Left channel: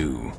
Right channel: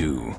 too.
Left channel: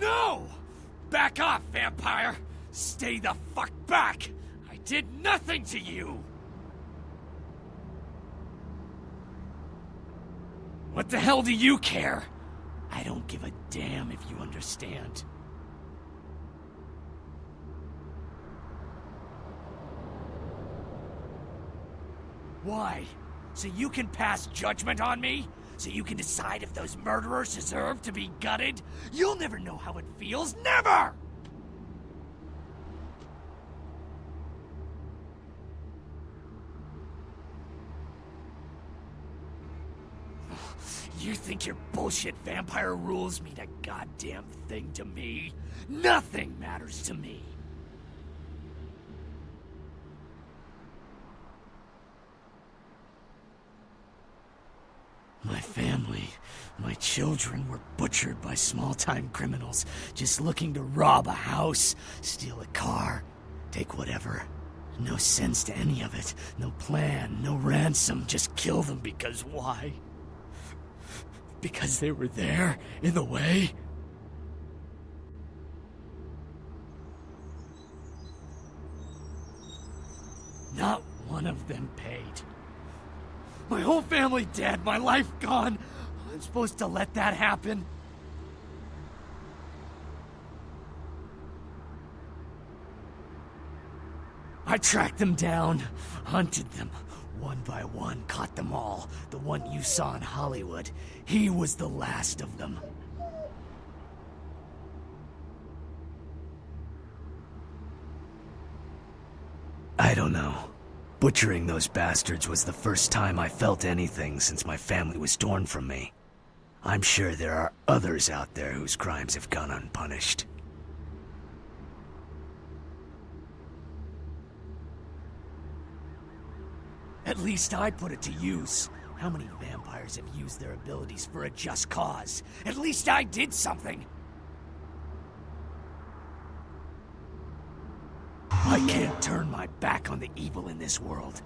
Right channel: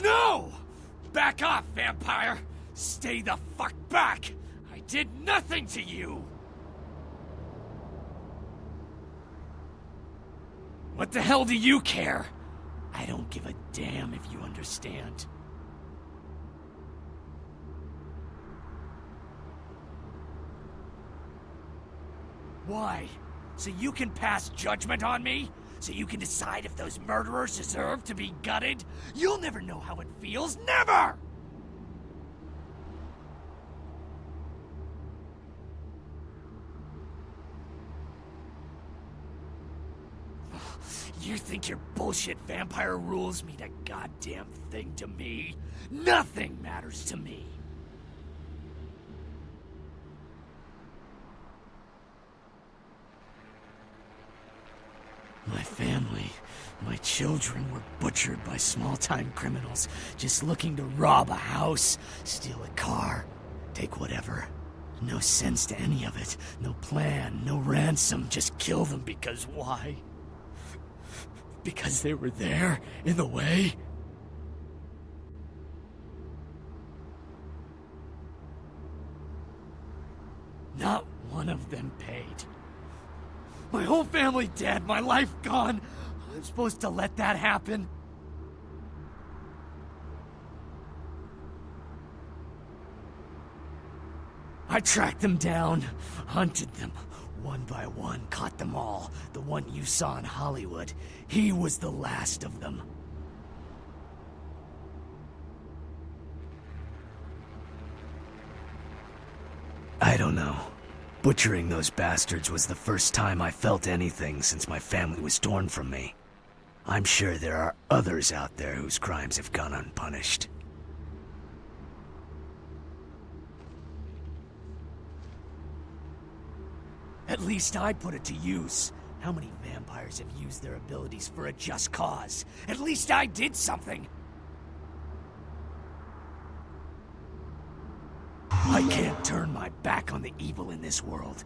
No! Back off, vampire! Stay the fuck back! I did nothing to you! What the hell do you care? I don't give a damn if you understand. Why? So you can pass judgment on me? So you can decide if those murderers deserve to be gutted? You'll never know how it feels, never! You think your bullshit vampire rules mean a goddamn thing to me? Nothing matters to me. My family, my children were butchered by small-time criminals just looking to rob a house, steal a car, take whatever. No sense to any of it. No plan, no ransom, just kill them because why? Because they were there, in the way? Not one of them paid. My whole family dead, my life gone. I'm supposed to let that happen? I tracked them down, hunted them. One by one, caught them all. The one you saw in Hollywood. He was the last of them. I don't know. Butchering those bastards was the first time I felt anything since my family was torn from me. I'm sure there are others out there whose crimes have gone unpunished. At least I put it to use. How many vampires have used their abilities for a just cause? At least I did something. I can't turn my back on the evil in this world.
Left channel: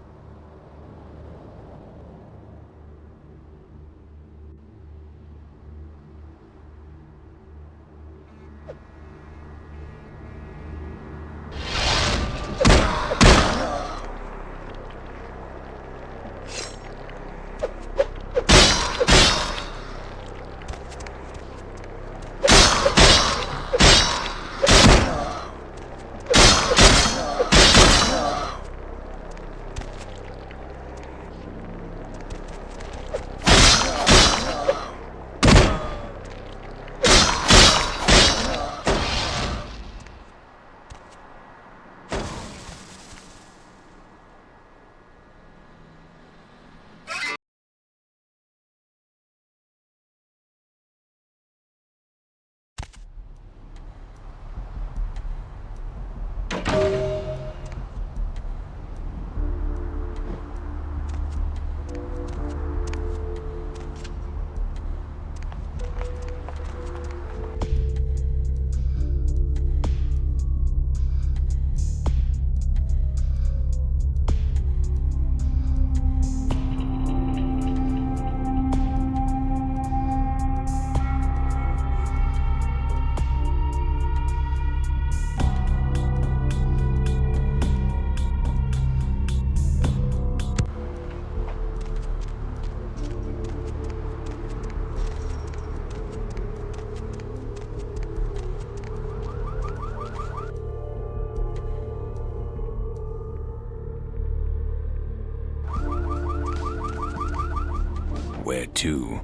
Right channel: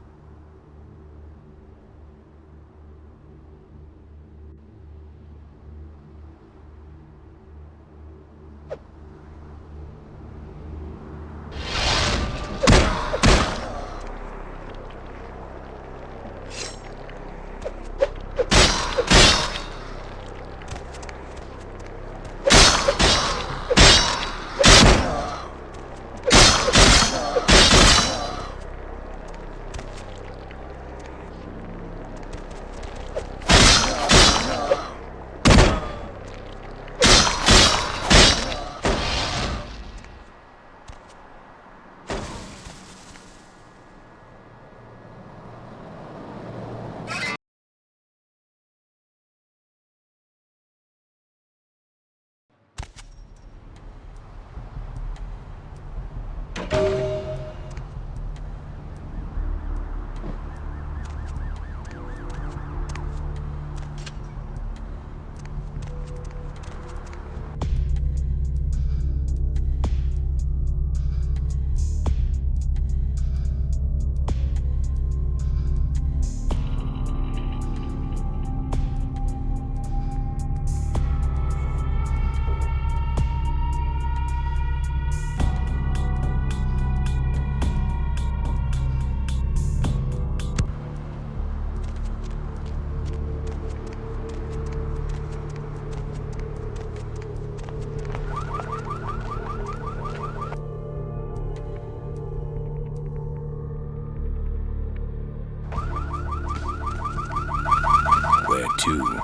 Where to?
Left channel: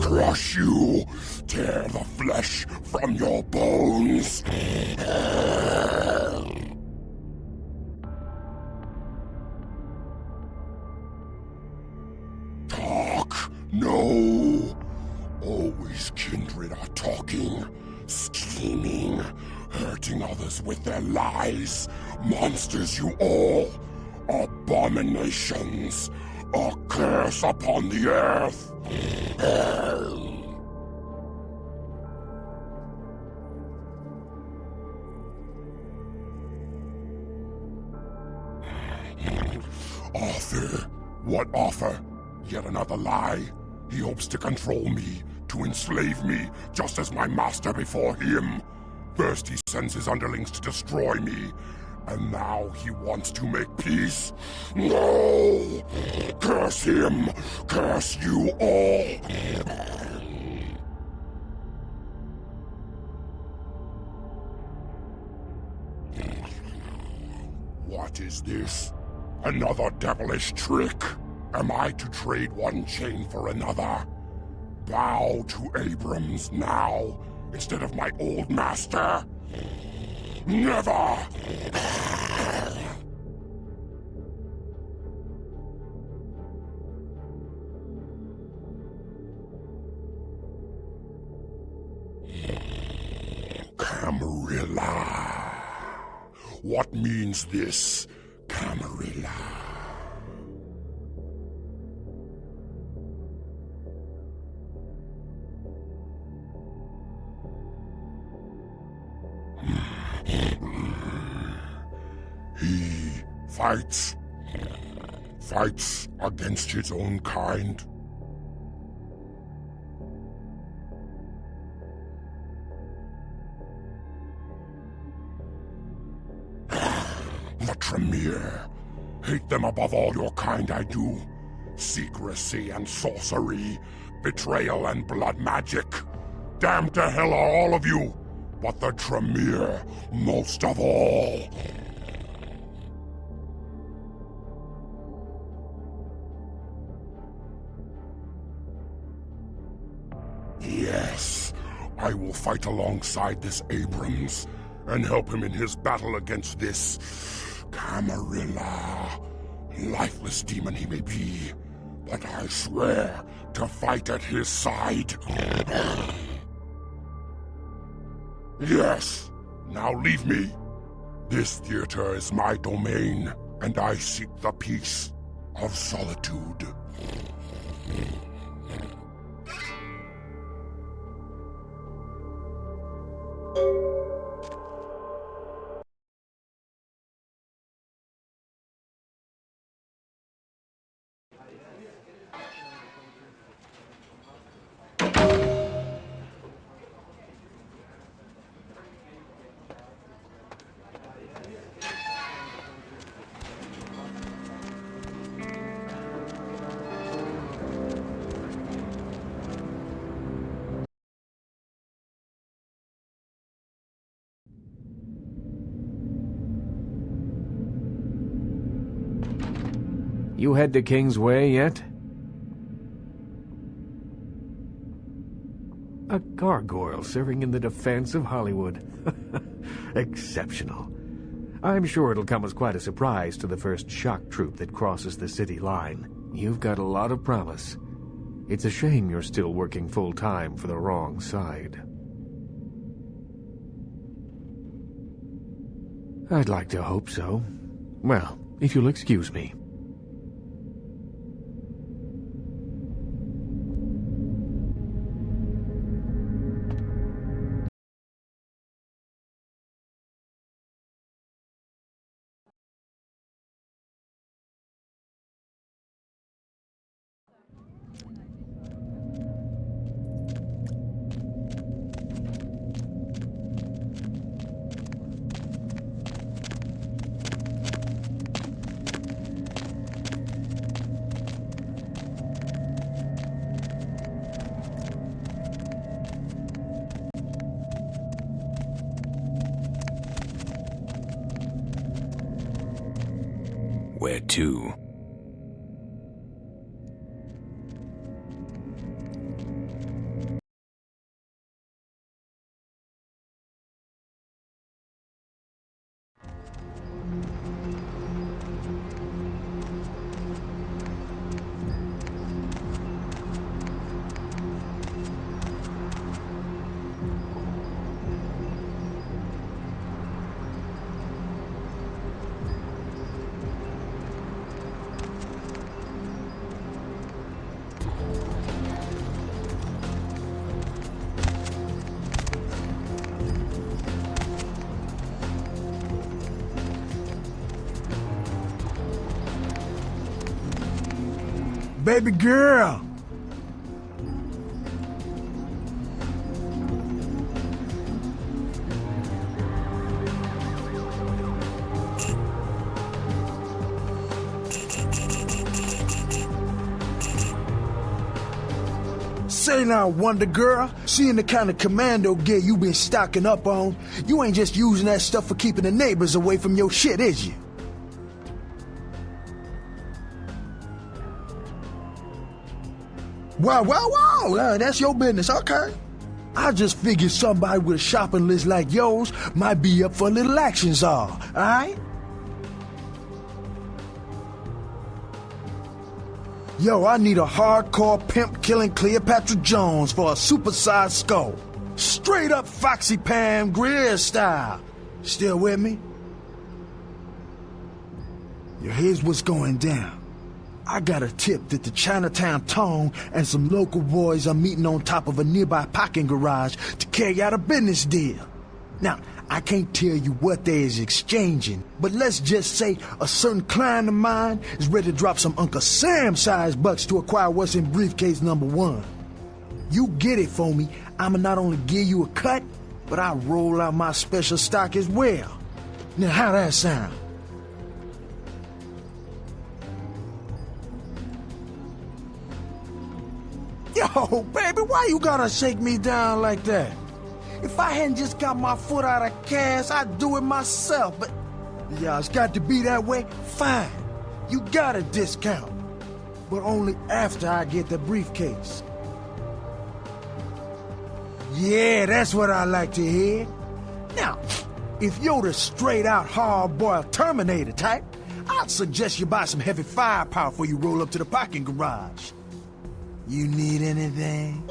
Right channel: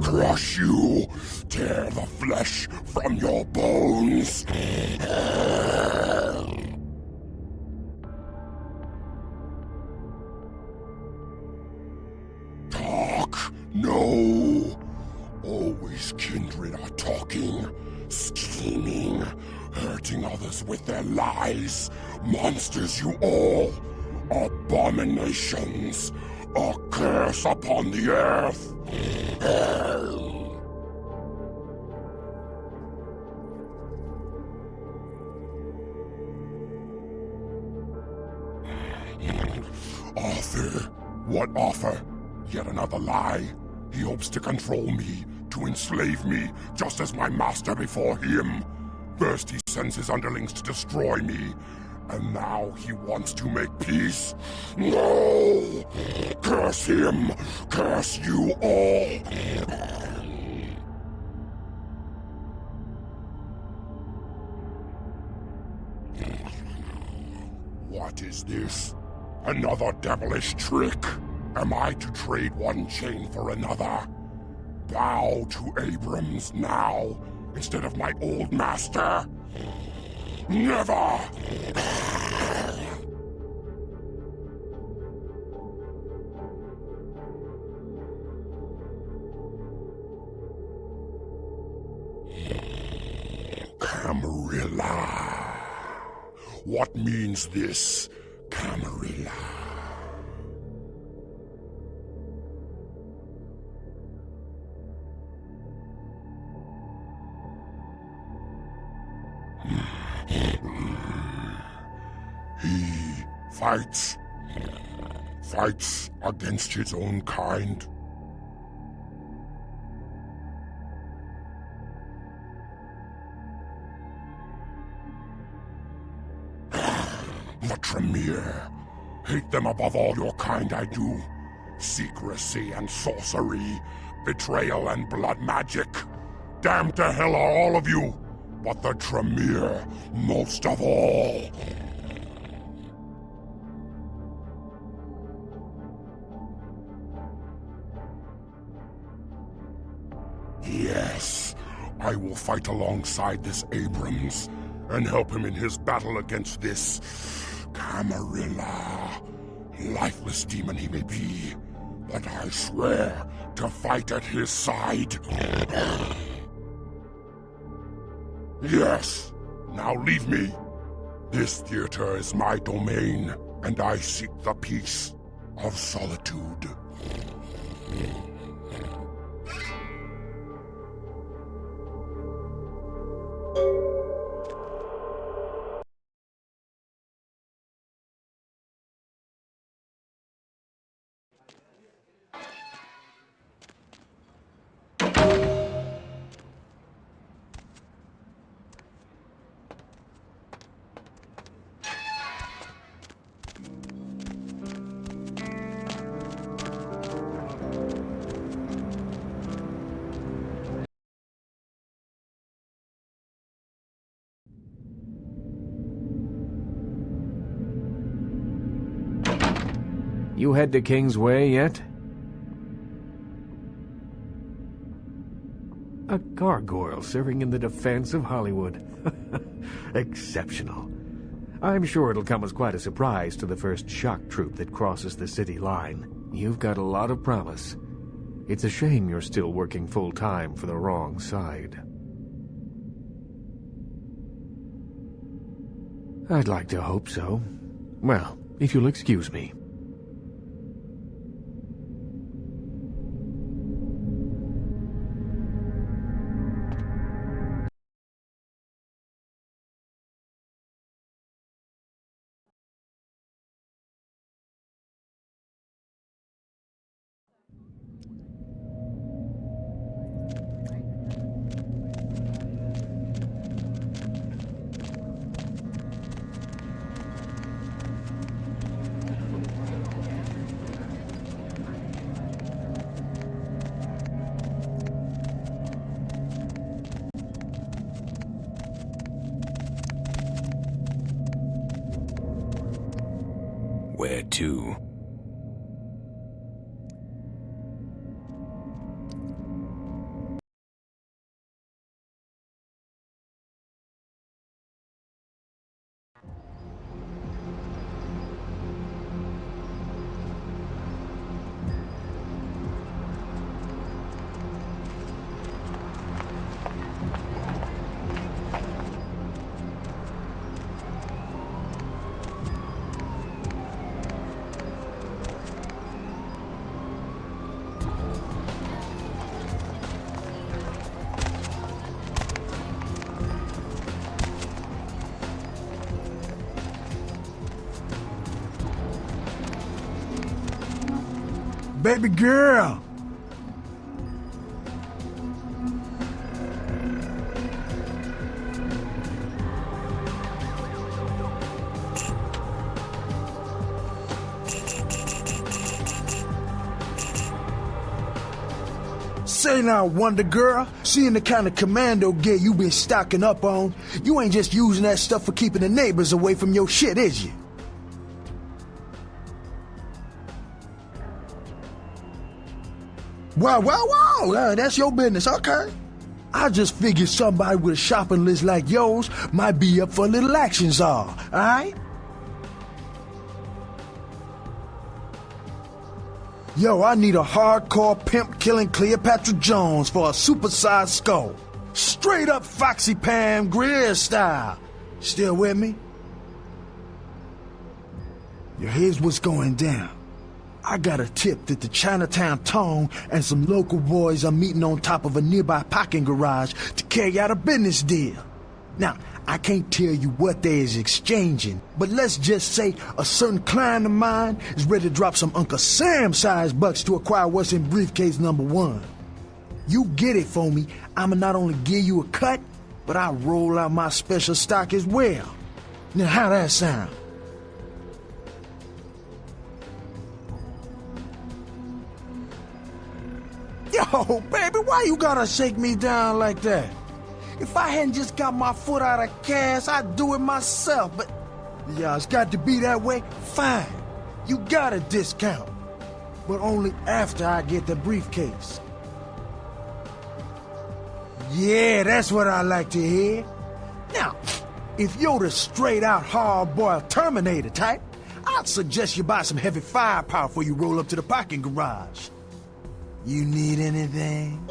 Crush you, tear the flesh from your bones. Talk, no. Always kindred are talking, scheming, hurting others with their lies. Monsters you all, abominations, a curse upon the earth. Offer? What offer? Yet another lie. He hopes to control me, to enslave me, just as my master before him. First he sends his underlings to destroy me, and now he wants to make peace? No! Curse him! Curse you all! What is this? Another devilish trick? Am I to trade one chain for another? Bow to Abrams now, instead of my old master? Never! Camarilla. What means this, Camarilla? He fights against his own kind. The Tremere. Hate them above all your kind, I do. Secrecy and sorcery, betrayal and blood magic. Damned to hell are all of you, but the Tremere most of all. Yes, I will fight alongside this Abrams and help him in his battle against this Camarilla. Lifeless demon he may be, but I swear to fight at his side. Yes, now leave me. This theater is my domain, and I seek the peace of solitude. You head to King's Way yet? A gargoyle serving in the defense of Hollywood. Exceptional. I'm sure it'll come as quite a surprise to the first shock troop that crosses the city line. You've got a lot of promise. It's a shame you're still working full-time for the wrong side. I'd like to hope so. Well, if you'll excuse me. Where to? Baby girl! Say now, Wonder Girl, seeing the kind of commando gear you been stocking up on, you ain't just using that stuff for keeping the neighbors away from your shit, is you? Wow, that's your business, okay. I just figured somebody with a shopping list like yours might be up for a little action, alright? Yo, I need a hardcore pimp killing Cleopatra Jones for a supersized skull. Straight up Foxy Pam Grier style. Still with me? Yo, here's what's going down. I got a tip that the Chinatown Tone and some local boys are meeting on top of a nearby parking garage to carry out a business deal. Now, I can't tell you what they is exchanging, but let's just say a certain client of mine is ready to drop some Uncle Sam-sized bucks to acquire what's in briefcase number 1. You get it for me, I'ma not only give you a cut, but I'll roll out my special stock as well. Now, how that sound? Yo, baby, why you gotta shake me down like that? If I hadn't just got my foot out of gas, I'd do it myself, but... yeah, it's got to be that way? Fine. You got a discount. But only after I get the briefcase. Yeah, that's what I like to hear. Now, if you're the straight-out hard-boiled Terminator type, I'd suggest you buy some heavy firepower before you roll up to the parking garage. You need anything?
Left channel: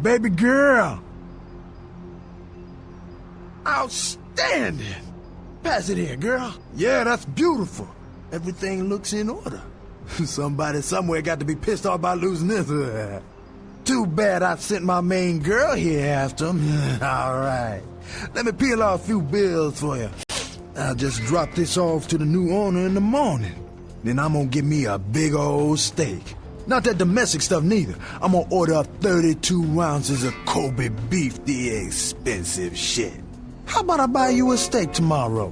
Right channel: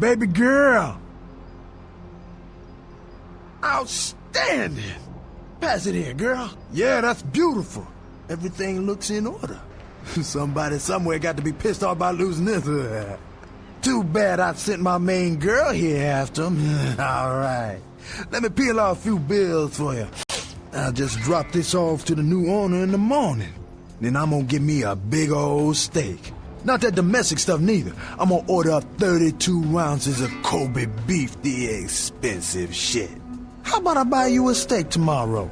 Baby girl. Outstanding. Pass it here, girl. Yeah, that's beautiful. Everything looks in order. Somebody somewhere got to be pissed off about losing this. Too bad I sent my main girl here after him. All right. Let me peel off a few bills for you. I'll just drop this off to the new owner in the morning. Then I'm gonna get me a big old steak. Not that domestic stuff neither. I'm gonna order up 32 ounces of Kobe beef, the expensive shit. How about I buy you a steak tomorrow?